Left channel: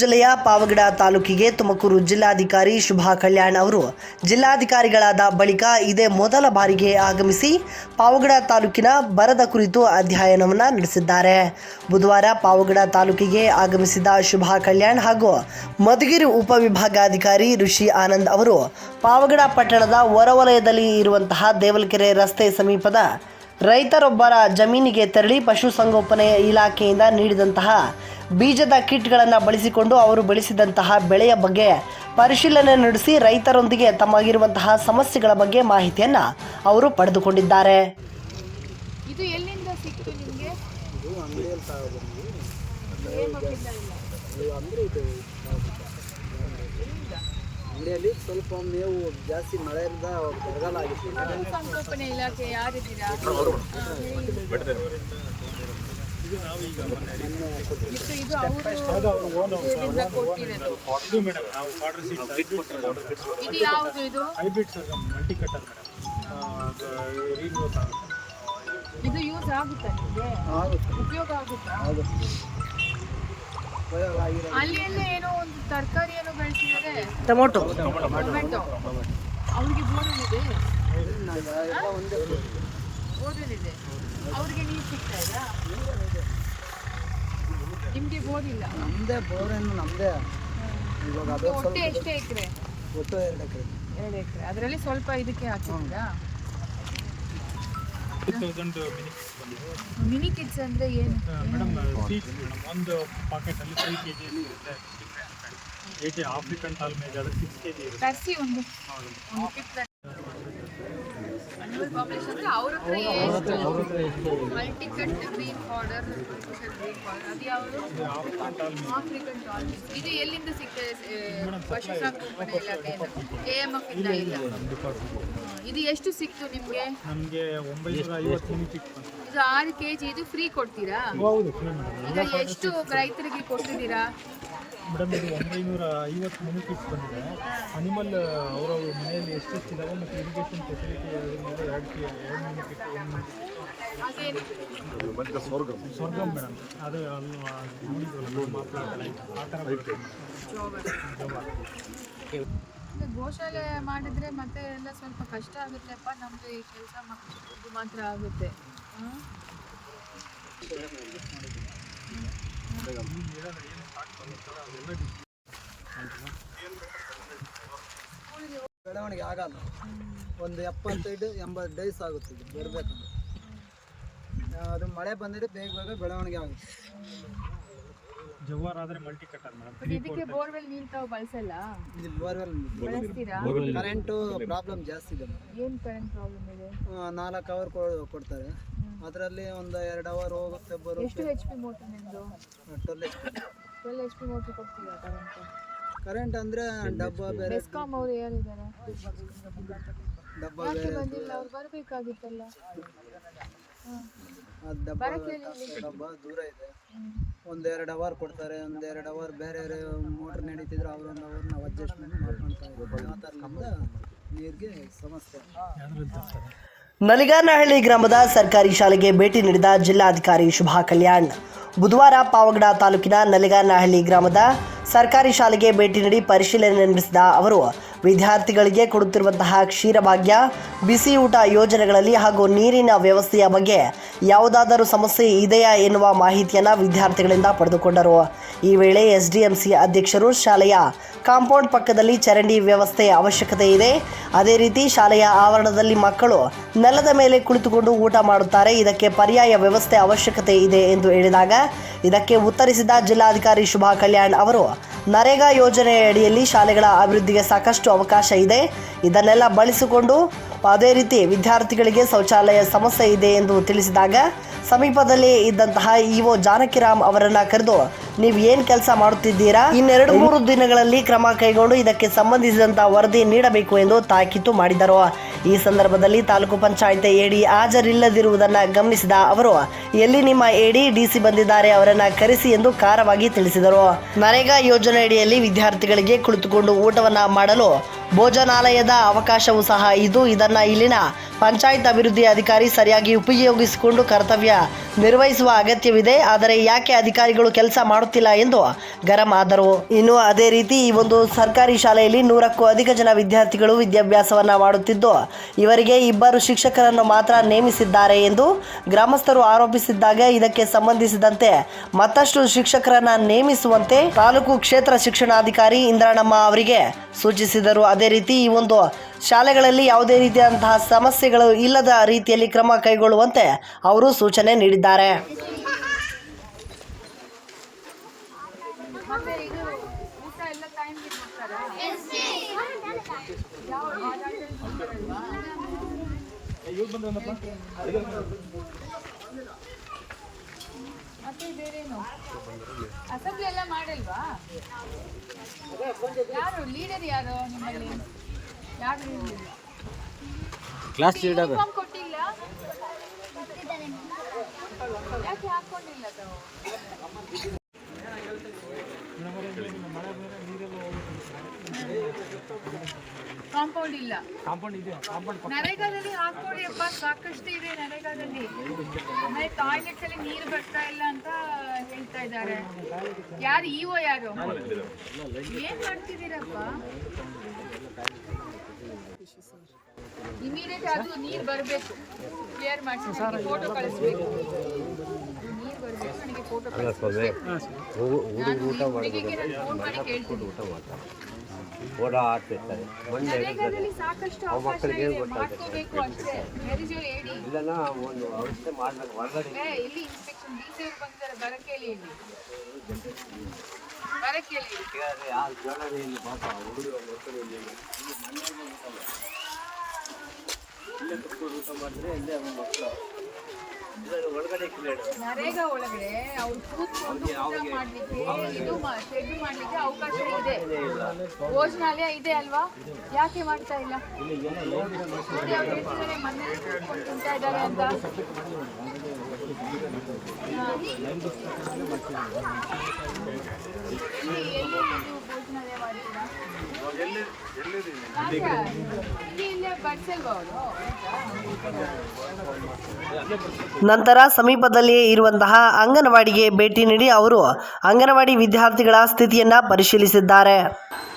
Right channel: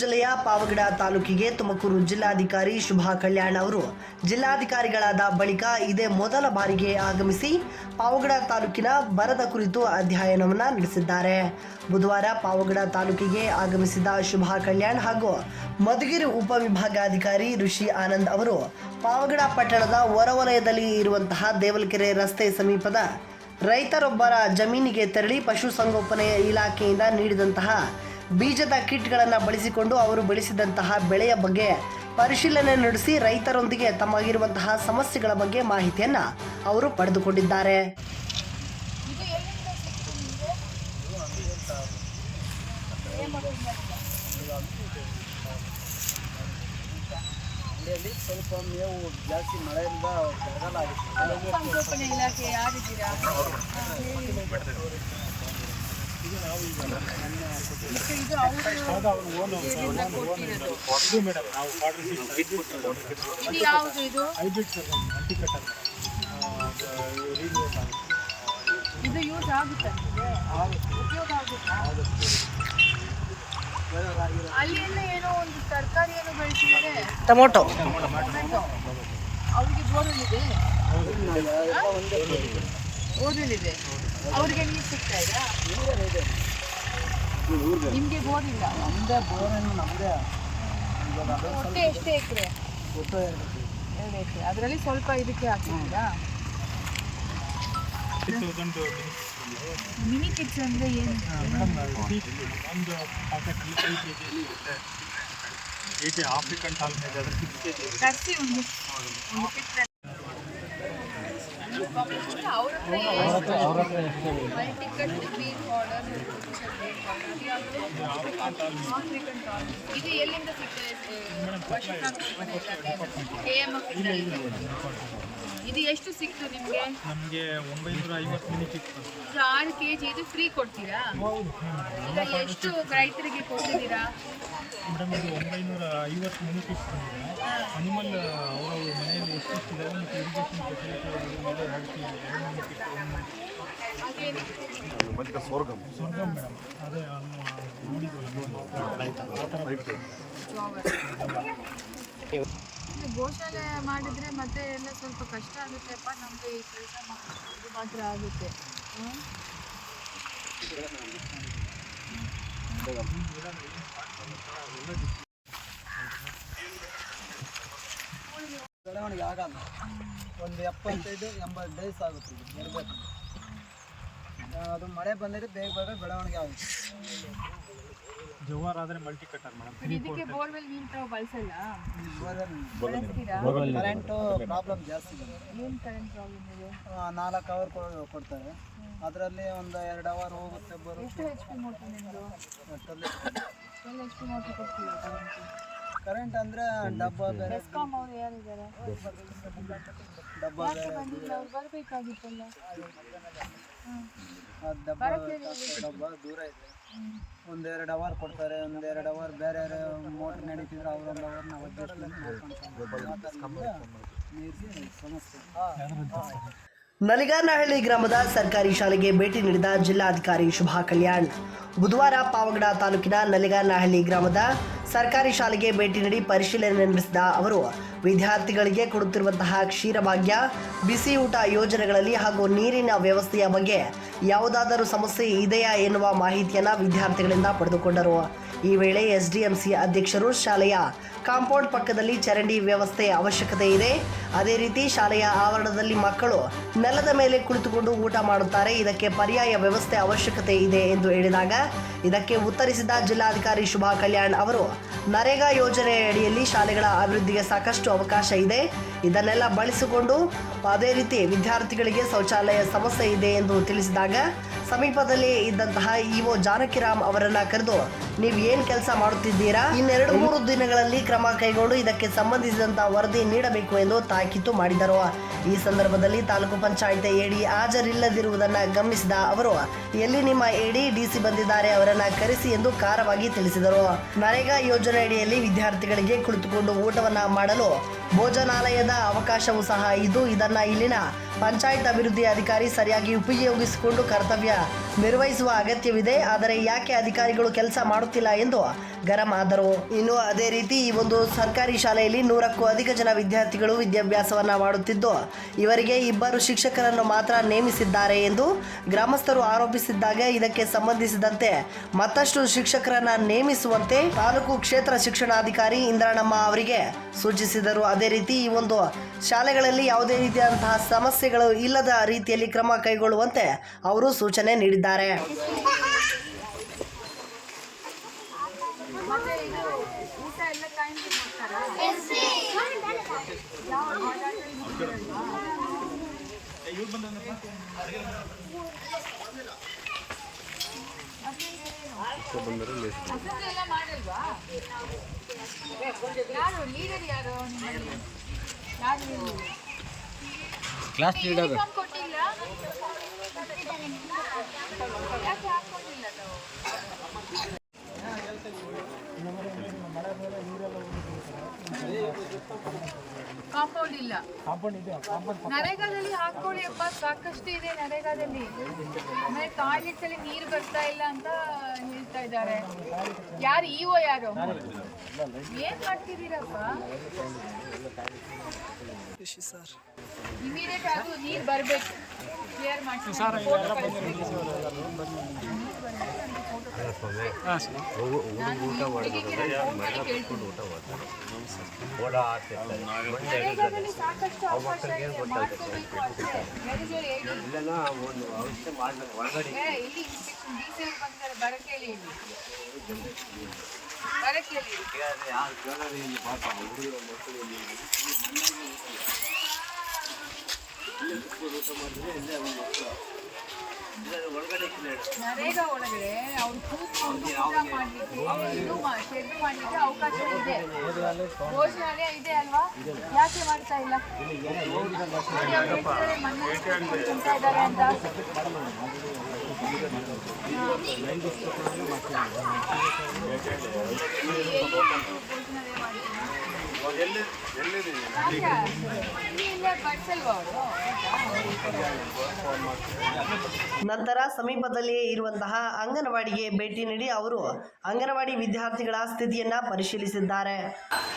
ಜಿಲ್ಲೆಯ ಪಾವಗಡ ತಾಲೂಕಿಗೆ ತುಮಕೂರು ಜಿಲ್ಲಾಧಿಕಾರಿ ಶುಭಾ ಕಲ್ಯಾಣ್ ಅವರು. ಜಿಲ್ಲಾಧಿಕಾರಿಗಳಾದ ಬಳಿಕ ಇದೇ ಮೊದಲ ಬಾರಿಗೆ ಆಗಮಿಸಿ ಪಾವಗಡ ತಾಲೂಕಿನ ಬರದ ಕುರಿತು ಅಧ್ಯಯನವನ್ನು ನಡೆಸಿದ್ದಾರೆ. ಬುಧವಾರ ಪಾವಗಡ ತಾಲೂಕಿಗೆ ಆಗಮಿಸಿದ ಶುಭಾ ಕಲ್ಯಾಣ್ ಹಾಗೂ ಮಧುಗಿರಿ ಉಪವಿಭಾಗಾಧಿಕಾರಿ ಋಷಿ ಆನಂದ್ ಅವರು ಪಾವಗಡ ಪಟ್ಟಣದ ಹೊರವಲಯದಲ್ಲಿ ಇರುವಂತಹ ದೇವಲಕೆರೆ ರಸ್ತೆ ಸಮೀಪದ ರೈತರೊಬ್ಬರ ಜಮೀನಿಗೆ ತೆರಳಿ ಪಶುಸಂಗೋಪನೆ ಇಲಾಖೆಯಿಂದ ನೀಡಿದಂತಹ ಬೀಜದ ಕಿಟ್ಗಳನ್ನು ಬಳಸಿಕೊಂಡು ಅವರು ಬೆಳೆಸಿದಂತಹ ಬೆಳೆಯ ಬಗ್ಗೆ ಪರಿಶೀಲನೆ ನಡೆಸಿ ರೈತರೊಂದಿಗೆ ತಮಗಿರುವಂತಹ ಸಮಸ್ಯೆಗಳ ಬಗ್ಗೆ ಮಾಹಿತಿಯನ್ನು ಅವರು ಪಡೆದುಕೊಂಡಿದ್ದಾರೆ. ಇದು ಎಲ್ಲಿಂದ ಸಿಕ್ತು ನಿಮಗೆ? ಅಂಗಡಿಯಲ್ಲಿ ಸ್ವಲ್ಪ ಮೇವು ಜಾಸ್ತಿ ಮಳೆಯಿಂದ ಬರಗಾಲ ಆಗಿತ್ತು ಇದು ಇದು ಅವರು ಇಲ್ಲಿಂದ ಕೊಟ್ಟಿರೋದು. ಇದು ಮೇಡಮ್. ನಾವು ಆರ್ಡರ್ ಸೀಟ್ ಹೈಬ್ರಿಡ್ ಇದು ಯಾವುದು ಇದು? Hybrid sir multi cutter madam ರೀನ್ಯೂಸ್ ಆಗುತ್ತೆ. ಇದು ಯೂಸ್ ಆಗುತ್ತಾ ಆಗುತ್ತೆ. ಉಪಯೋಗ ಆಗುತ್ತಾ? ಅಲ್ಲಿಂದ ಏನೋ ಒಂದು ತರಕಾರಿ ಏನೋ ಬೆಳೆಸಿದ್ರೆ ಟೊಮೊಟೊ. ಟೊಮೊಟೊ. ಅವ್ರಿಗೆ ಬೋರ್ವೆಲ್ ಇದೆ ಬೋರ್ವೆಲ್ ಇದೆ ಅವ್ರಿಗೆ ನೀರು ಸಿಗ್ತಾ ಇದಾ ನಿಮಗೆ ಬೋರ್ ಇಲ್ಲ ನಮ್ಮದೇ ಬೋರನ್ನು ನಮ್ಮದೇ ಇವಾಗ ಅದೇ ಒಟ್ಟು ಎಷ್ಟು ಎಕರೆ? ಒಟ್ಟು ಎರಡು ಎಕರೆ. ಎರಡು ಎಕರೆ. ಅದರಲ್ಲಿ ಸ್ವಲ್ಪ ಇದಕ್ಕೆ ಹಾಕಿದ್ದೀರಾ? ಮಿನಿ ಕಿಟ್ಸ್ ಅಂದರೆ ಏನು? ಮೇಡಮ್ ಒಂದು ಪಾಕೆಟಲ್ಲಿ ಫೈವ್ ಕೆ ಜಿ ಇರುತ್ತೆ. ಕೆ ಜಿ ಆಫ್ರಿಕನ್ ಟಾಲ್ ಮೇಲೆ ಅದಕ್ಕೆ ಸಿಕ್ಸ್ ಕೆ ಜಿ ಇರುತ್ತೆ. ತರಿಸಿ ಗ್ರೀನ್ ಆಫ್ರಿಕನ್ ಇದು ಎಲ್ಲಿಂದ ಸಿಗ್ತದೆ ಇಲಾಖೆ ಎ ಇಂದ ಎಷ್ಟು ಸಿಕ್ತು ನಿಮಗೆ ನಿಮಗೆ ಒಂಬೈನೂರ ಐವತ್ತು ಇದು ಆರು ಕೆ ಜಿ ಇದು ಫ್ರೀ ಕೊಡ್ತೀರಾ ಈಗ ಎಷ್ಟು ರೈತರಿಗೆ ಕೊಟ್ಟಿದ್ದೀರಾ ಮೇಡಮ್ ಇದು ಒಂಬೈನೂರ ಐವತ್ತು ಮನೆ ಇತ್ತು ಬಂದಿದೆ. ಅನಿಮಲ್ ಅವರ ಮನೆಯಲ್ಲಿ ಎಷ್ಟು ಇದಾವೆ ಮತ್ತು ಇರಿಗೇಷನ್ ಫೆಸಿಲಿಟಿ ಅದ್ರ ಮೇಲೆ ಎರಡು ಎರಡು ಮನಿ ಇತ್ತು ಒಂದು ಸ್ವರ್ಗಂ ಮೇಡಮ್ ಅದೇ ಅಲ್ಲಿ ನೋಡಿದ್ವಲ್ಲ ಮಾತಾಡ್ತಾ ಆ ಥರ ಜೋಬರ್ ಇದು ಗೋಶಾಲೆ ಮಾಡಿದ್ರೆ ಮತ್ತೆ ಎಲ್ಲ ಸ್ವಲ್ಪ ಕಷ್ಟ ಆಗುತ್ತೆಪ್ಪ ನಮಗೆ ಈ ಕೆಲಸ ಇದು ಮಾತ್ರ ಆಗುತ್ತೆ. ಹ್ಮ್? ಬೆಳವಣಿಗೆ ಆಗಲ್ಲ. ಒಂದು ಎಪ್ಪತ್ತೈದು ಎಂಬತ್ತು ಡೇಸ್ ಆಗುತ್ತೆ ಇದು ಬರಬೇಕಂದ್ರೆ ಅದು ಮಳೆ ಬಂದಿದ್ರೆ ಬೇಗ ಬೇಗ ಬೆಳವಣಿಗೆ ಆಗುತ್ತೆ. ಜವಾರ್ ಆದರೆ ಮಲ್ಟಿ ಕಟ್ಟರ್ ಮೇಡಮ್ ಇದಕ್ಕೆ ಬೋರ್ವೆಲ್ ನೀರು ತಾವು ಬಳಸಲ್ಲ? ಬೋರ್ವೆಲ್ ಬಳಸ್ತೀರಾ? ಕರೆಂಟು ಪ್ರಾಬ್ಲಮ್ ಜಾಸ್ತಿ ಇದೆ ಏನು ಕರೆಂಟ್ ಪ್ರಾಬ್ಲಮ್ ಇದೆ? ನಾಲ್ಕು ಅವರ್ ಕೊಡ್ತಾರೆ. ಅದರಲ್ಲಿ ಒಂದು ಎರಡು ಅವರ್ ಹೋಗುತ್ತೆ ಎಷ್ಟು ಬರುತ್ತೆ ಎಚ್ ಪಿ ಮೋಟ್ರ್ ನಿಮ್ಮದು ಒಟ್ಟಲ್ಲಿ ಟ್ವೆಲ್ ಎಚ್ ಪಿ ಮೋಟ್ರ್ ಕೊಡ್ತೀರಾ ಕರೆಂಟ್ ಅಂದ್ರೆ ಅಂದರೆ ಡಬ್ಬ ಬೇರೆ. ಬೆಸ್ಕಾಮ್ ಅವರು ಯಾರಿದ್ದಾರೆ? ಡಬ್ಬ ಯಾಕೆ ಬೇರೆ. ಬಂದಿಲ್ಲ? ಅವ್ರು ಬರಬೇಕಾಗಿತ್ತಲ್ಲ? ಆ ಡಬ್ಬ ಡಬ್ಬ ದೂರ ಇದೆ. ಒಂದೆರಡು ಅವರ್ ಕೊಡ್ತಾರೆ ಒಂದೆರಡು ಅವರ್ ಬೇರೆ ಮೋಟ್ರ್ ನಡೀತಿದ್ರೆ ಅವ್ರ ಒಂದು ಅವರ್ ನಾವು ಅಡ್ಜಸ್ಟ್ಮೆಂಟ್ ಮಾಡ್ಕೊಂತ ಇದ್ದೀವಿ ಆ ಥರದಿಂದ ನೀರಿಗೆ ಸಮಸ್ಯೆ. ನಲಿಗಾನಹಳ್ಳಿ ಗ್ರಾಮದ ಸರ್ಕಾರಿ ಶಾಲೆಗೆ ಭೇಟಿ ನೀಡಿದ ಜಿಲ್ಲಾಧಿಕಾರಿ ಶುಭಾ ಕಲ್ಯಾಣ್. ಬುಧವಾರ ಪಾವಗಡ ತಾಲೂಕಿನ ನಲಿಗಾನಹಳ್ಳಿ ಗ್ರಾಮದ ಸರ್ಕಾರಿ ಶಾಲೆಗೆ ಭೇಟಿ ನೀಡಿ ಪರಿಶೀಲನೆ ನಡೆಸಿದ ಅವರು, ವಿದ್ಯಾರ್ಥಿಗಳಿಗೆ ಕೊಡುತ್ತಿರುವಂತಹ ಕ್ಷೀರಭಾಗ್ಯ ಬಿಸಿ ಊಟ ಯೋಜನೆಗಳಲ್ಲಿ ಹಾಗೂ ನೀರಿನ ವ್ಯವಸ್ಥೆಯ ಬಗ್ಗೆ ಯಾವುದಾದರೂ ಸಮಸ್ಯೆ ಇದೆಯಾ ಎನ್ನುವ ಮಾಹಿತಿಯನ್ನು ವಿದ್ಯಾರ್ಥಿಗಳಿಂದ ಪಡೆದುಕೊಂಡರು. ಈ ವೇಳೆ ಎಸ್ಡಿಎಂಸಿ ಅಧ್ಯಕ್ಷರು ಶಾಲೆಯ ಕಾಂಪೌಂಡ್ ಪಕ್ಕದಲ್ಲಿ ಚರಂಡಿ ವ್ಯವಸ್ಥೆ ಅವಶ್ಯಕತೆ ಇದೆ. ಅದೇ ರೀತಿ ಶಾಲೆಯ ಆವರಣದಲ್ಲಿ ಮಕ್ಕಳು ನೆಲದ ಮೇಲೆ ಕುಳಿತುಕೊಂಡು ಊಟ ಮಾಡುತ್ತಾರೆ. ಇದಕ್ಕೆ ಪರ್ಯಾಯ ವ್ಯವಸ್ಥೆ ಅವಶ್ಯಕತೆ ಇದೆ ಎಂದು ಹೇಳಿದಾಗ ಇದಕ್ಕೆ ಉತ್ತರಿಸಿದ ಜಿಲ್ಲಾಧಿಕಾರಿ ಶುಭಾ ಕಲ್ಯಾಣ್ ಅವರು, ನರೇಗಾ ಯೋಜನೆಯಡಿಯಲ್ಲಿ ಶಾಲೆಗಳ ಅಭಿವೃದ್ಧಿಗೆ ಸಾಕಷ್ಟು ಅವಕಾಶ ಇದೆ. ಇದನ್ನೆಲ್ಲ ಬಳಸಿಕೊಂಡು ಅದೇ ರೀತಿ ವಿದ್ಯಾರ್ಥಿಗಳಿಗೆ ಶೌಚಾಲಯ ಸಮಸ್ಯೆ ಇದೆ ಎಂದು ತಿಳಿಸಿದಾಗ ಸಮೀಪದಲ್ಲಿ ಇದ್ದಂತಹ ಇಒ ಜಾನಕಿರಾಮ್ ಅವರನ್ನ ಕರೆದು ನೀವು ಏನು ಕೆಲಸ ಮಾಡುತ್ತಿದ್ದೀರಾ? ಇನ್ನೆರಡು ಮೂರು ದಿನಗಳಲ್ಲಿ ಕ್ರಮ ಕೈಗೊಂಡು ಇದಕ್ಕೆ ಸಂಬಂಧಿಸಿದಂತಹ ವರದಿ ನೀಡಬೇಕು ಎಂದು ತಾಕೀತು ಮಾಡಿದರು. ಈ ಸಂದರ್ಭದಲ್ಲಿ ತಾಲೂಕು ಪಂಚಾಯತ್ ಎಡಿ ಹಾಜರಿಲ್ಲದಿರುವುದನ್ನು ಗಮನಿಸಿದ ಅವರು ಎಲ್ಲಿ ನಿಮ್ಮ ಎಡಿ ಡಿಸಿ ಬಂದಿದ್ದಾರೆ ಅವರನ್ನ ಕರೆಸಿ ಎಂದು ಖಾರವಾಗಿ ತಿಳಿಸಿದರು. ನರೇಗಾ ಯೋಜನೆಯಡಿಯಲ್ಲಿ ವಿದ್ಯಾರ್ಥಿಗಳಿಗೆ ಕುಳಿತುಕೊಂಡು ಊಟವನ್ನ ಮಾಡಲು ಭೋಜನಾಲಯದ ಅವಕಾಶವೂ ಸಹ ಇದು. ಇದನ್ನ ಇಲ್ಲಿನ ಪಂಚಾಯತ್ ಅಭಿವೃದ್ಧಿ ಅಧಿಕಾರಿ ಸರಿಯಾಗಿ ಉಪಯೋಗಿಸಿಕೊಂಡು ಕರ್ತವ್ಯ ನಿರ್ವಹಿಸುವ ಅಗತ್ಯವಿದೆ. ಆದರೆ ಯಾಕೆ ಅಧಿಕಾರಿಗಳು ಕೆಲಸ ಮಾಡುತ್ತಿಲ್ಲ ಎಂದು ಗರಂ ಆದರು. ಇನ್ನು ಅದೇ ರೀತಿ ಈ ಒಂದು ಸರ್ಕಾರಿ ಶಾಲೆಯಲ್ಲಿ ನೂರಕ್ಕೂ ಅಧಿಕ ಜನ ವಿದ್ಯಾರ್ಥಿಗಳು ವಿದ್ಯಾಭ್ಯಾಸವನ್ನು ಮಾಡುತ್ತಿದ್ದು, ಇವರಿಗೆ ಇಬ್ಬರು ಶಿಕ್ಷಕರನ್ನು ಮಾತ್ರ ನೇಮಿಸಿದ್ದಾರೆ ಎಂದು ಗ್ರಾಮಸ್ಥರು ಆರೋಪಿಸಿದ್ದಾಗ ಇದಕ್ಕೆ ಸಂಬಂಧಿಸಿದಂತೆ ಮತ್ತಷ್ಟು ಶಿಕ್ಷಕರನ್ನ ನೇಮಿಸುವಂತೆ ತಾಲೂಕು ಕ್ಷೇತ್ರ ಶಿಕ್ಷಣಾಧಿಕಾರಿ ಇಂದ್ರಾಣಮ್ಮ ಅವರಿಗೆ ಸೂಚಿಸಿದರು. ಅದೇ ರೀತಿ ಈ ಒಂದು ಶಾಲೆಗಳಲ್ಲಿ ಯಾವುದೇ ರೀತಿಯಾದಂತಹ ಸಮಸ್ಯೆಗಳು ಇಲ್ಲದ ರೀತಿಯಲ್ಲಿ ಕ್ರಮ ಕೈಗೊಳ್ಳುವಂತೆ ಅವರು ಸೂಚನೆ ನೀಡಿದ್ದಾರೆ. ಯಾರು? ಲೀಡರ್ ಯಾರು ನಿಮ್ಮಲ್ಲಿ? ಕ್ಲಾಸ್ ಲೀಡರ್ ಕಾಂಪೌಂಡ್ ಇಲ್ಲ. ಕಾಂಪೌಂಡ್ ಇದೆ ಕಾಂಪೌಂಡ್ ನರೇಗಾದಲ್ಲಿ ಹಾಕೊಳ್ಳಿ ಅಪ್ಪ ಸಾಕಷ್ಟು ಇದೆ ನರೇಗಾದಲ್ಲಿ. ಆಮೇಲೆ ಟಾಯ್ಲೆಟ್ಸ್ ಅಲ್ಲಿ ನೀರು ಬರ್ತಾ ಇಲ್ಲ ಅಂತ ಹೇಳ್ತಾ ಇದ್ದಾರೆ. ಯಾರು ಇಒ ಯಾರು? ಏನ್ ಮಾಡ್ತಿದ್ದೀರಪ್ಪ? ಇಮಿಡಿಯೇಟ್ ಅದು ನೀರು ಬರಬೇಕು. ಕ್ಲಿಯರ್ ಮಾಡ್ತೀನಿ. ಫೋಟೋ ಕಳಿಸ್ಬೇಕು. ನೀರು ಬರಬೇಕು. ನನಗೆ ಫೋಟೋ ಕಳಿಸ್ಬೇಕು. ನಾನು ಹುಡುಗಿಗೆ ನಾನು ಫೋನ್ ಮಾಡಿ ಕೇಳ್ತೀನಿ. ನರೇಗಾದಲ್ಲಿ ಸಾಕಷ್ಟು ಅವಕಾಶ ಇದೆ. ಮಾಡ್ಕೋಬೇಕು ಅಷ್ಟೇ. ಮೆರಿಜೋಲ್ ಹೇಳಿ. ಏ ಇಲ್ಲಿ ಇನ್ಸ್ಪೆಕ್ಷನ್ ಡಿ ಸಿ ಅವ್ರು ಬಂದಿದ್ದಾರೆ. ಬರಕ್ಕೆ ಹೇಳಿ ಇಲ್ಲಿ ಬರಕ್ಕೆ ಹೇಳಿ. ನರೇಗಾ ಒಳಗಡೆ ಅವ್ರು ಕೂತ್ಕೊಂಡು ಶೆಡ್ ಮಾಡ್ಲಿಕ್ಕೆ ಅವಕಾಶ ಇದೆ. ಭೋಜನಾಲಯ ಇದೆ ಅಲ್ವಾ? ಯಾಕೆ ಮಾಡ್ತಾ ಇಲ್ಲ? ಅಂತ. ನಂತರ ಸಮೀಪದಲ್ಲಿಯೇ ಇರುವಂತಹ ಅಂಗನವಾಡಿಗೆ ಭೇಟಿ ನೀಡಿ ಅವರು ಅಂಗನವಾಡಿ ವಿದ್ಯಾರ್ಥಿಗಳ ಸ್ಥಿತಿಯನ್ನ ಪರಿಶೀಲಿಸಿದ್ದಾರೆ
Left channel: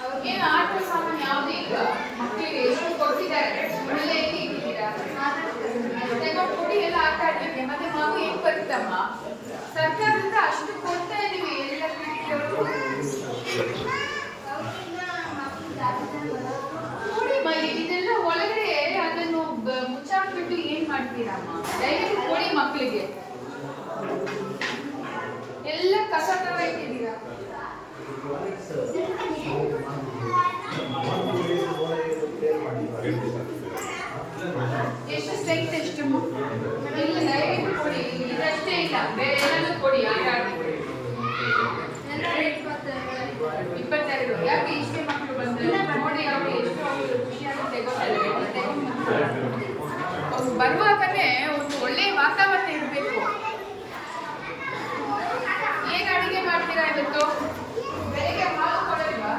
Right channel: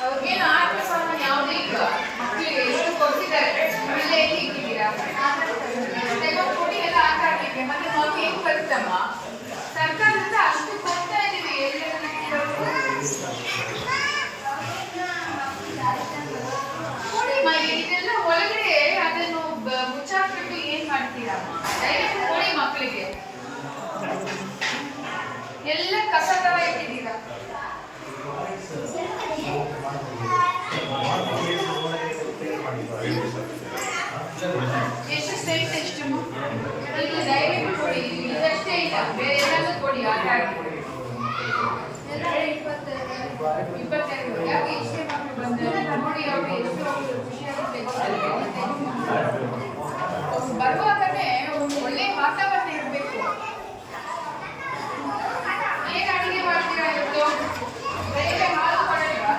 ಅವ್ರಿಗೇನು ಆಟ ಸಾಮಾನು ಯಾವುದೇ ಇಲ್ಲ ಮಕ್ಕಳಿಗೆ ಎಷ್ಟು ಕೊಡ್ತಿದ್ದಾರೆ ಆಮೇಲೆ ಎಲ್ಲಿ ಇಟ್ಟಿದ್ದೀರಾ ತಗೊಂಡು ಕೊಡಿ ಎಲ್ಲ ಆಟ ಆಡ್ಲಿಕ್ಕೆ ಮತ್ತೆ ನಾವು ಹೆಂಗ್ ಬರುತ್ತಮ್ಮ ಸರ್ಕಾರದಿಂದ ಅಷ್ಟು ಕೊಡ್ತಾ ಇದೀವಿ ಎಲ್ಲೆಲ್ಲ ಇಟ್ಟಿರೋದು ನೋಡಿಮ್ಮ ಇದೆಲ್ಲ ಒಳಗಡೆ ಅದನ್ನು ಬ- ಮುಚ್ಚಾಕ್ಬಿಟ್ಟು ಏನ್ ಕೋಳಿ ಮಕ್ಕಳಿಗೆ ಎಲ್ಲ ಕಸ ತರ ಇಟ್ಟಿದ್ದೀರಾ ಎಷ್ಟು ಸ್ಟ್ರೈಟ್ ಎಷ್ಟು ಡೈರೆಕ್ಟ್ ಕೊಡಿ ಇದಷ್ಟೇ ಇಲ್ಲ ಬೇರೆ ಏನಾದ್ರು ಕೊಡಿ ಆಟ ಎಲ್ಲ ಇಪ್ಪತ್ತೆರಡು ಯಾಕೆ ಇಷ್ಟೇ ಮಕ್ಕಳು ಬಂದ್ರೆ? ನೋಡಿ ಅವ್ರಿಗೆ ಎಷ್ಟು ಖುಷಿಯಾಗಿ ತೆಗೊಂಡಿದ್ದಾರೆ ಅವ್ರು ಬರುವಾಗಲೇ ಒಂದು ಒಳ್ಳೆ ವಾತಾವರಣ ಇರಬೇಕು ಏನು ಅಡಿಗೆ ಮಾಡ್ತೀರಾ ಇವತ್ತು ಬೆಳಿಗ್ಗೆ ಹಾಲು ಕೊಡಲ್ವಾ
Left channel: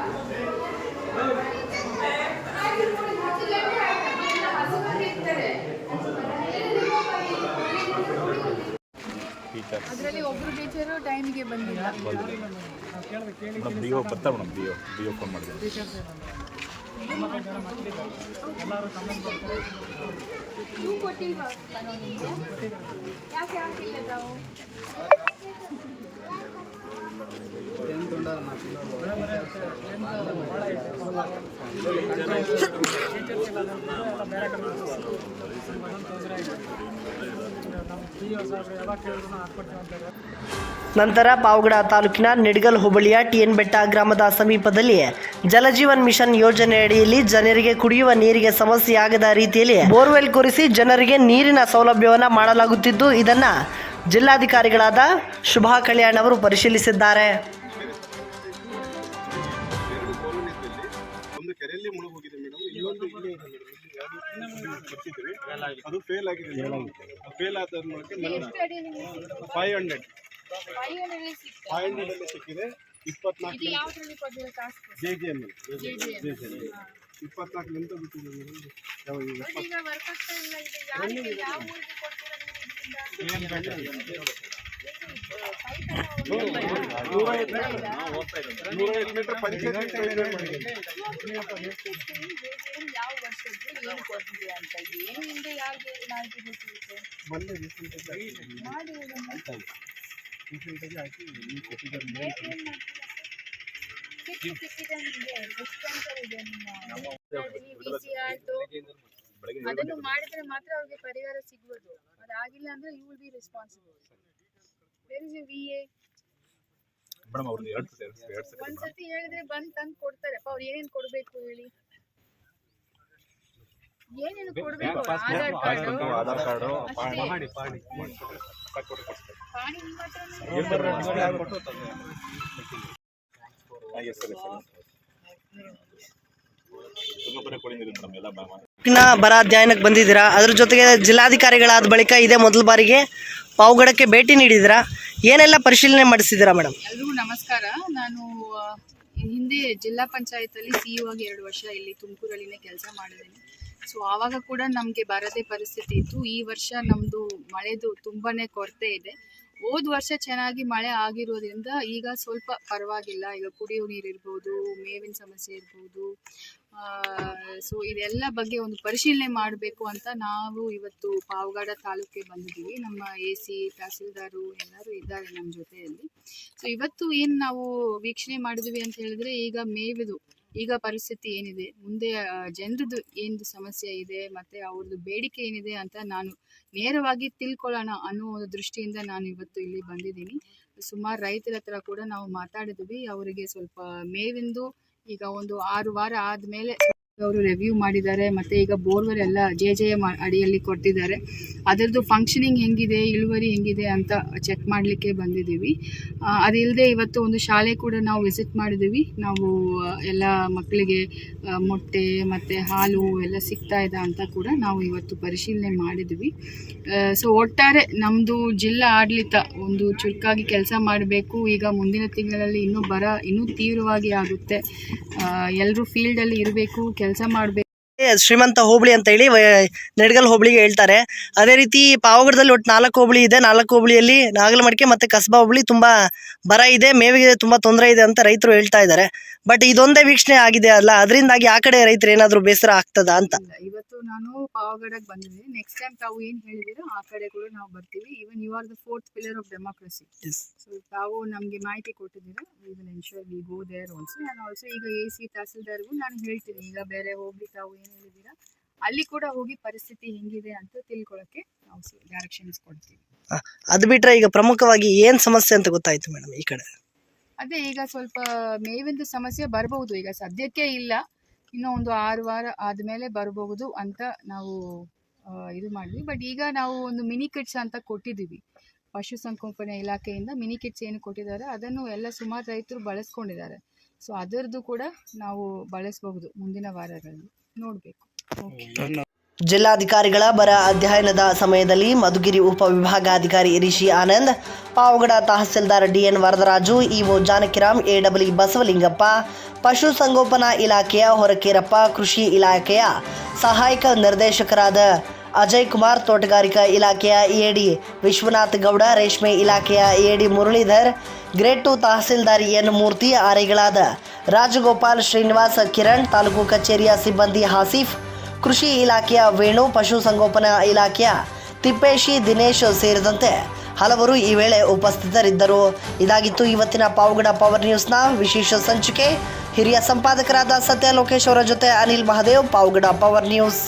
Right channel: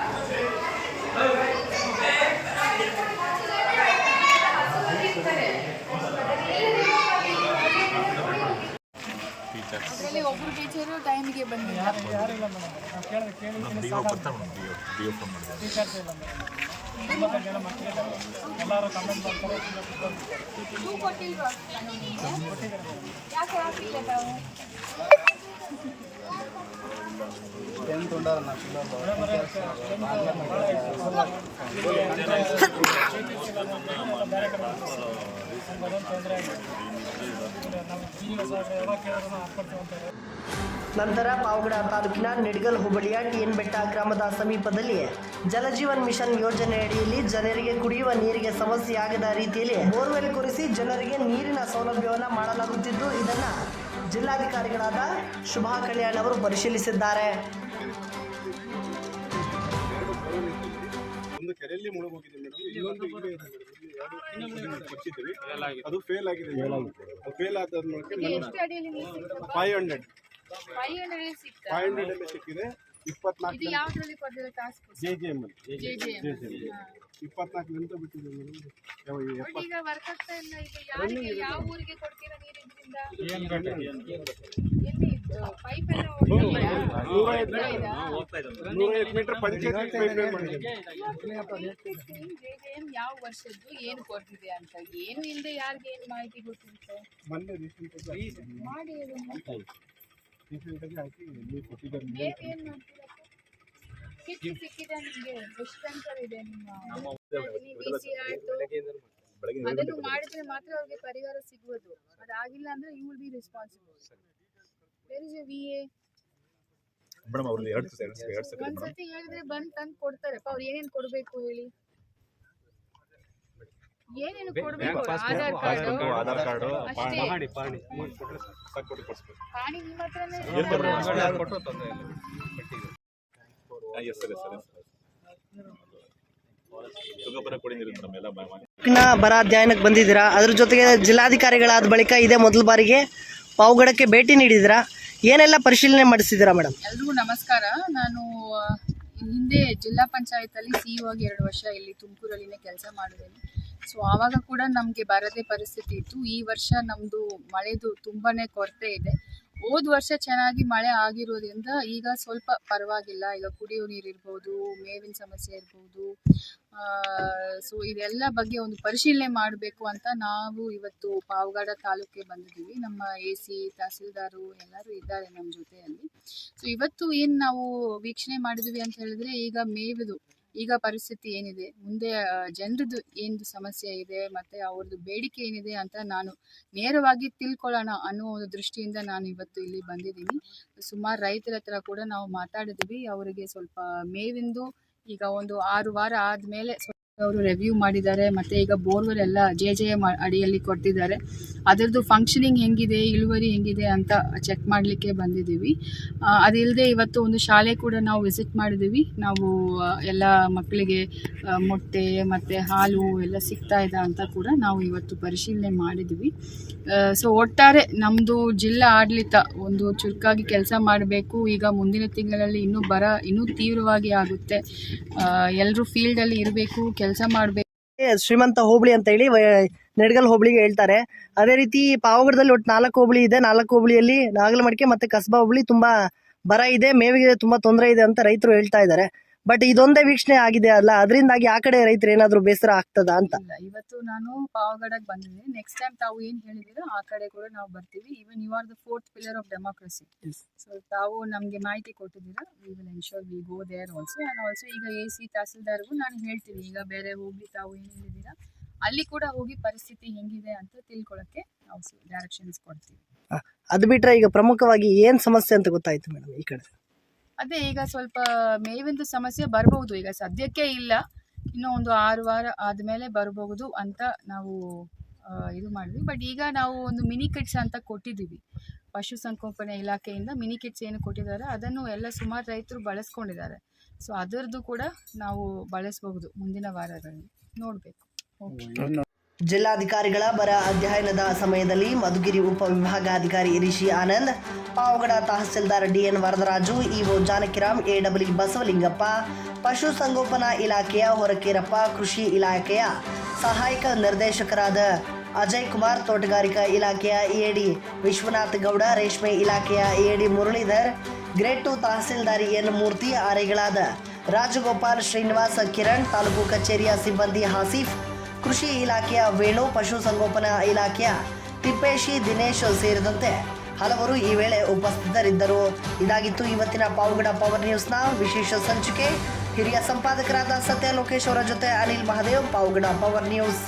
ಅದರಲ್ಲಿ ಒಬ್ರು ಟೀಚರು ಟೈಮಿಗೆ ಬಂದಿಲ್ಲ ಯಾರಿಲ್ಲ ಮೇಡಮ್ ಟೀಚರ್ಸ್ ಇಲ್ಲ ಮೇಡಮ್ ಜನ ಮಕ್ಕಳಿದ್ದಾರೆ ಎಲ್ಲರೂ ಕೊಟ್ಟಿಲ್ವಾ ಯಾಕೆ ಹಾಕಿಲ್ಲ ತಾವು ಬರೀ ಕಡೆ ತೊಂದರೆ ಆಗಿದೆ ನಮ್ಮ ಪಿ ಯು ಸಾಹೇಬ್ರೆ ಯಾವಾಗ ಕೇಳಿದ್ರು ಹಾಕ್ಕೊಡ್ತೀವಿ ಅಂತಾರೆ ನಂತರ ಪಾವಗಡ ತಾಲೂಕಿನ ನಿಡ್ಗಲ್ ಹೋಬಳಿಯ ಟಿಎನ್ ಬೆಟ್ಟ ಗ್ರಾಮದ ಸಮೀಪದಲ್ಲಿ ಜಲಜೀವನ್ ಮಿಷನ್ ಯೋಜನೆ ಅಡಿಯಲ್ಲಿ ಜನರಿಗೆ ಕುಡಿಯುವ ನೀರಿಗೆ ಸಮಸ್ಯೆಯಾಗದ ರೀತಿಯಲ್ಲಿ ಬೋರ್ವೆಲ್ ಕೊರೆಸಿ ಜನರಿಗೆ ನೀರಿನ ಸೌಲಭ್ಯವನ್ನು ಮಾಡಲಾಗುತ್ತಿದ್ದು ಇದನ್ನು ಜಿಲ್ಲಾಧಿಕಾರಿಗಳಾದ ಶುಭಾ ಕಲ್ಯಾಣ್ ಅವರು ಪರಿಶೀಲಿಸಿದ್ದಾರೆ. ಒಂದು ಕೆರೆಯಲ್ಲಿ ಮುಳುಗೋಗಿದೆ ಮೇಡಮ್ ಇನ್ನೊಂದು ಇಲ್ಲೇ ಇದೆ ಮೇಡಮ್ ಇಲ್ಲಿ ಎರಡು ಕೊಟ್ಟಿದ್ದೀವಿ. ಅದು ಫೇಲ್ ಆಗಿದೆ ಅದು ಫೇಲ್ ಆದ ಫೈವ್ ಹಂಡ್ರೆಡ್ ಫೈವ್ ಹಂಡ್ರೆಡ್ ಸಿಗ್ತಾ ಫೈವ್ ಹಂಡ್ರೆಡ್ ಅಲ್ಲಿ. ಸಿಕ್ಕಿದೆ ಇಪ್ಪತ್ನಾಲ್ಕು ಇದು ಯಾವ್ದ್ರಲ್ಲಿ ಕೊಟ್ಟಿರೋ task J G M J J ಇಪ್ಪತ್ನಾಲ್ಕು ಮೇಡಮ್? ಎಪ್ಪತ್ತು ಈಗ ವರ್ಕ್ ಆಗ್ತಾ ಇಲ್ಲ ಇದು. ಯಾವ ಊರಿಗೆ ಕೊಡ್ತೀರಾ ನೀವು ಇದರಿಂದ? ನೂರ ಐದು ಮೀಟರ್ ನೂರ ಐದು ಮೀಟರ್ ಪಂಚಾಯತ್ ಪೈಪ್ ಲೈನ್ ಯಾವ ವರ್ಷದ್ದು ಏನು ಅಂತ ಏನು ಹಿಂದೆ ಯಾರಿಗೆ ಮಾಹಿತಿ ಗೊತ್ತಿರುತ್ತೆ? ಮೊನ್ನೆ ರೀಸೆಂಟಾಗಿ ಮಾಡಿ ರೀಸೆಂಟಾಗಿ ಹಾಕಿ ನೀವು ಕೊಟ್ಟಿದ್ದಾರೆ ಅದನ್ನು ಮಾಡಿದ್ರೆ ಮಾತ್ರ ಅವ್ರಿಗೆ ಪರಿಹಾರ ಸಿಗ್ಬೋದು ಅದಾಗಿಲ್ಲ ಅಂದ್ರೆ you will be responsible where is V A madam ಅವ್ರದ್ದು ಎರಡು ಒಂದ್ಸತಿ ಹೇಳಿದ್ರೆ ಬಂದ್ ತಂದು ಕೊಡ್ತಾರೆ. ಅವ್ರು ಏನೇನ್ ಕೊಡ್ಬೇಕು ಹೇಳಿ? ಏನೇನು ಕೊಡ್ಬೇಕು? ಆಧಾರ್ ಕಾರ್ಡು ಆಧಾರ್ ಕಾರ್ಡು ಕೊಟ್ಟು ಕೊಡಿಸ್ಬೇಕು ನಿಮ್ಮ ಹತ್ರನೇ ಇರುತ್ತೆ ಎಸ್ ಸರ್ ಸರ್ ಬರ ಅಧ್ಯಯನಕ್ಕೆ ಬಂದಿದ್ದೀರಾ? ಅದ್ರ ಜೊತೆಗೆ ಜಿಲ್ಲಾಧಿಕಾರಿಗಳಾದ ಬಳಿಕ ಇದೇ ಮೊದಲ ಬಾರಿಗೆ ಪಾವುಗಡಕ್ಕೆ ಭೇಟಿ ನೀಡಿದಿರಾ ಏನೆಲ್ಲ ಪರಿಶೀಲನೆ ಮಾಡಿಸಿದಿರಾ ಮೇಡಮ್? ಎಲ್ರಿಗೂ ನಮಸ್ಕಾರ. ನಾನು ಹಿಂದೆ ಜಿಲ್ಲಾ ಪಂಚಾಯತಲ್ಲಿ ಸಿಇಒ ಆಗಿ ಎರಡು ವರ್ಷ ಇಲ್ಲಿ ತುಮಕೂರಲ್ಲಿನೇ ಕೆಲಸ ಮಾಡಿದ್ದೀನಿ. ಸೊ ಆವಾಗ ಕೂಡ ನಮಗೆ ಬರದೇ ಪರಿಸ್ಥಿತಿ ಇತ್ತು. ಈ ವರ್ಷ ನಮ್ಮದು ಮಳೆದು ತುಂಬಾ ಕೊರತೆ ಇದೆ. ಹೋದ ವರ್ಷ ಚೆನ್ನಾಗಿ ಮಳೆ ಆಗಿರೋದ್ರಿಂದ ಈಗ ಸ್ವಲ್ಪ ಪರವಾಗಿಲ್ಲ. ಈಗ ಕುಡಿಯೋ ನೀರು ಇರ್ಬೋದು, ಮೇವಿನ ಸಮಸ್ಯೆ ಇರ್ಬೋದು. ಸೊ ಇದೆಲ್ಲ ಬಗ್ಗೆ ಒಂದು ಪರಿಶೀಲನೆ ಮಾಡಬೇಕು ಅಂತ ನಾವು ಇವತ್ತು ಪಾವಗಡ ತಾಲೂಕಿಗೆ ಬಂದಿದ್ದೀವಿ. ನಮ್ಮ ಎ ಸಿ ತಹಸೀಲ್ದಾರು ಎಲ್ಲರೂ ಇದ್ದಾರೆ ನಮ್ಮ ಜೊತೆಯಲ್ಲಿ. ಸೊ ಇವತ್ತು ಏನು ನಾವು ವೀಕ್ಷಣೆ ಮಾಡಿದ್ವಿ ಅಂತ ಹೇಳಿದ್ರೆ ಈಗ ಮೇವಿದು ಈಗ ಪರಿಸ್ಥಿತಿ ಏನಿದೆ? ಮುಂದೆ ಜನರದ್ದು ಏನು ಸಮಸ್ಯೆ ಇದೆ, ಮತ್ತು ಅವ್ರದ್ದು ಬೇಡಿಕೆ ಏನಿದೆ ಅಂತ ನಾನು ನೇರವಾಗಿ ತಿಳ್ಕೊಳ್ಳೋಣ ಅನ್ನೋ ಒಂದು ದೃಷ್ಟಿಯಿಂದ ನಾನು ಇವತ್ತು ಇಲ್ಲಿ ಬಂದಿದ್ದೀನಿ. ಸುಮಾರು ರೈತರ ಹತ್ರ ಕೂಡ ನಾವು ಮಾತಾಡಿದ್ವಿ. ಅವರಿಗೆ ಸ್ವಲ್ಪ ಮೇವಿಂದು ಈಗ ಒಂದು ಆರು ವಾರ ಆದಮೇಲೆ ಅವರು ರಿವ್ಯೂ ಮಾಡಿದ್ದಾರೆ ಮತ್ತು ಈಗ ಬೋರ್ವೆಲ್ ಎಲ್ಲ ಜೆ ಜೆ ಎಂ ಅಡಿಯಲ್ಲಿ ಕೊಟ್ಟಿದ್ದಾರೆ. ಅದರದ್ದು ಫಂಕ್ಷನಿಂಗ್ ಹೆಂಗಿದೆ, ಇಳುವರಿ ಹೆಂಗಿದೆ ಅಂತ ಚೆಕ್ ಮಾಡಲಿಕ್ಕೆ ಬಂದಿದ್ದೀವಿ. ಅದಿಲ್ಲದೆ ಇವತ್ತು ಒಂದು ಶಾಲೆ ಕೂಡ ನಾವು ವಿಸಿಟ್ ಮಾಡಿದ್ದೀವಿ. ನಾವು ಎಲ್ಲ ಮಕ್ಕಳಿಗೆ ಮೊಟ್ಟೆ ಮತ್ತು ಹಾಲು ಎಲ್ಲ ಸಿಗ್ತಾ ಇದೆ ಅಂತ ಕೂಡ ನಾವು ಇವತ್ತು ಪರಿಶೀಲನೆ ಮಾಡಿದ್ವಿ ಸೊ ಒಟ್ಟಾರೆ ನಮ್ಮದು ಜಿಲ್ಲಾ ಆಡಳಿತ ಒಂದು ಚುರುಕಾಗಿ ಕೆಲಸ ಮಾಡಬೇಕು. ಈಗ ಮುಂದಿನ ತಿಂಗಳಲ್ಲಿ ಇನ್ನೂ ಬರ, ಇನ್ನೂ ತೀವ್ರವಾಗಿ ಆಗುತ್ತೆ. ಎಲ್ಲರೂ ಫೀಲ್ಡಲ್ಲಿ ಇರಬೇಕು, ಕೆಲಸ ಮಾಡಬೇಕು. ಶ್ರೀಮಂತ ಹೋಬಳಿ ಅಂತ ಹೇಳಿ ನೆಡಗಲ್ ಹೋಬಳಿಗೆ ಹೇಳ್ತಾರೆ. ಅದೇ ರೀತಿ ಪಾವಗಡದಲ್ಲಿ ಒಟ್ಟು ನಾಲ್ಕು ಹೋಬಳಿ ಇದೆ. ನಾಲ್ಕು ಹೋಬಳಿಯಲ್ಲಿ ನಾಗಲಮಡಿಕೆ ಮತ್ತೆ ಕಸಬಾ ಹೋಬಳಿ ತುಂಬಾ ಬರ ಇದೆ. ಮೇವಿಗೆ ತುಂಬಾ ತೊಂದರೆ ಇದೆ ಅಂತ ರೈತರು ಹೇಳ್ತಾ ಇದ್ದಾರೆ. ಬಟ್ ಇದೊಂದೇ ವೀಕ್ಷಣೆ ಆಗಿದೆ ಅಲ್ಲ? ಅದರಿಂದಾಗಿ ಆ ಕಡೆ ರೈತರು ಏನಾದರೂ ಬೇಸರ ಆಗ್ತದಾ ಅಂತ? ಇವತ್ತು ನಾನು ಪಾವಗಡಕ್ಕೆ ಬಂದಿದ್ದೀನಿ. ನೆಕ್ಸ್ಟ್ ಟೈಮ್ ತಾವು ಏನು ಹೇಳಿದಿರೋ ಆ ಕಡೆ ಕೂಡ ನಾವು ಬರ್ತೀವಿ. Even you are the fourth pillar of democracy so ತಾವು ನಮಗೆ ಮಾಹಿತಿ ಕೊಟ್ಟಿದ್ದೀರಾ? We will ensure we go there also and also ಈಗ ಎ ಸಿ ತಹಸೀಲ್ದಾರ್ಗೂ ನಾನು ಹೇಳ್ತೀನಿ. ಈಗ ಬೇರೆ ಹೋಗಿ ತಾವು ಏನು ಹೇಳಿದ್ದೀರಾ ಅಲ್ಲಿ ಕೂಡ ಹೋಗಿ ಪರಿಸ್ಥಿತಿ ಹೆಂಗಿದೆ ಅಂತ ತಿಳ್ಕೊಳ್ಳೋಕ್ಕೆ ನಾವು ಡೈರೆಕ್ಷನ್ಸ್ ಕೊಡ್ತೀವಿ ಅದು ಬಿಟ್ರೆ ಈಗ ಪ್ರಮುಖವಾಗಿ ಏನ್ ಸಮಸ್ಯೆ ಅಂತ ಗೊತ್ತಾಯ್ತು ಮೇಡಮ್ ಈ ಕಡೆ? ಅದೇ ಈಗ ಸ್ವಲ್ಪ ಮೇವಿಂದು ಸಮಸ್ಯೆ ಬರಬಹುದು. ಈಗ ಸದ್ಯಕ್ಕೆ ಇಲ್ಲ. ಇನ್ನೂ ಒಂದು ಆರು ವಾರ ಆದಮೇಲೆ ಬರಬಹುದು ಅಂತ ನಾವು ಇದು ಮಾಡಿದ್ವಿ. ಬಟ್ ಈಗ ನಾವು ಒಂದು ಮಿನಿ ಕಿಟ್ಸ್ ಅಂತ ಕೊಟ್ಟಿದ್ದೀವಿ. ಪಶುಸಂಗೋಪನೆ ಇಲಾಖೆಯಿಂದ ಮಿನಿ ಕಿಟ್ಸ್ ಏನು ಕೊಟ್ಟಿದ್ದಾರೆ ಅದನ್ನು ಎಲ್ಲ ಸುಮಾರು ರೈತರು ಬಳಸ್ಕೊಂಡಿದ್ದಾರೆ. ಸೊ ಅದರದ್ದು ಕೂಡ ನಾವು ಬಳಸಬಹುದು ಮುಂದಿನ ವಾರಗಳಲ್ಲಿ. ನೋಡಬೇಕು. ಜಿಲ್ಲಾಧಿಕಾರಿಗಳ ಬರ ಅಧ್ಯಯನದ ಸಮಯದಲ್ಲಿ ಮಧುಗಿರಿ ಉಪವಿಭಾಗಾಧಿಕಾರಿ Rishi Anand Pavagada tahsildar DN Varadaraju EO Janakiram AW Basavalingappa ಪಶುಸಂಗೋಪನಾ ಇಲಾಖೆಯ ಹೊರಕೇರಪ್ಪ ಕೃಷಿ ಇಲಾಖೆಯ ಸಹಾಯಕ ನಿರ್ದೇಶಕರಾದ ಅಜಯ್ ಕುಮಾರ್ ತೋಟಗಾರಿಕಾ ಇಲಾಖೆಯ ಎಡಿ ವಿಶ್ವನಾಥ್ ಗೌಡ ರೇಷ್ಮೆ ಇಲಾಖೆಯ AD Muralidhar grade two tahsildar N Murthy ಆರೆಗಳಾದ Rajagopal Srinivas Kiran, taluk ಕಚೇರಿಯ ಸಿಬ್ಬಂದಿ ಹಾಸಿಫ್, ಕೃಷಿ ಇಲಾಖೆಯ ವೇಣು ಪಶುಸಂಗೋಪನಾ ಇಲಾಖೆಯ ತಿಪ್ಪೇಶಿ, ದಿನೇಶ್ ಸೇರಿದಂತೆ ಹಲವರು ಈ ವೇಳೆ ಉಪಸ್ಥಿತರಿದ್ದರು. ಇದಾಗಿತ್ತು ಇವತ್ತಿನ ಪಾವಗಡ ಪವರ್ ನ್ಯೂಸ್ನ ವಿಶೇಷ ಸಂಚಿಕೆ. ಹಿರಿಯ ಸಂಪಾದಕರಾದ ಸತ್ಯ ಲೋಕೇಶ್ ಅವರ ಜೊತೆ ಅನಿಲ್ ಮಹದೇವ್, ಪಾವಗಡ ಪವರ್ ನ್ಯೂಸ್.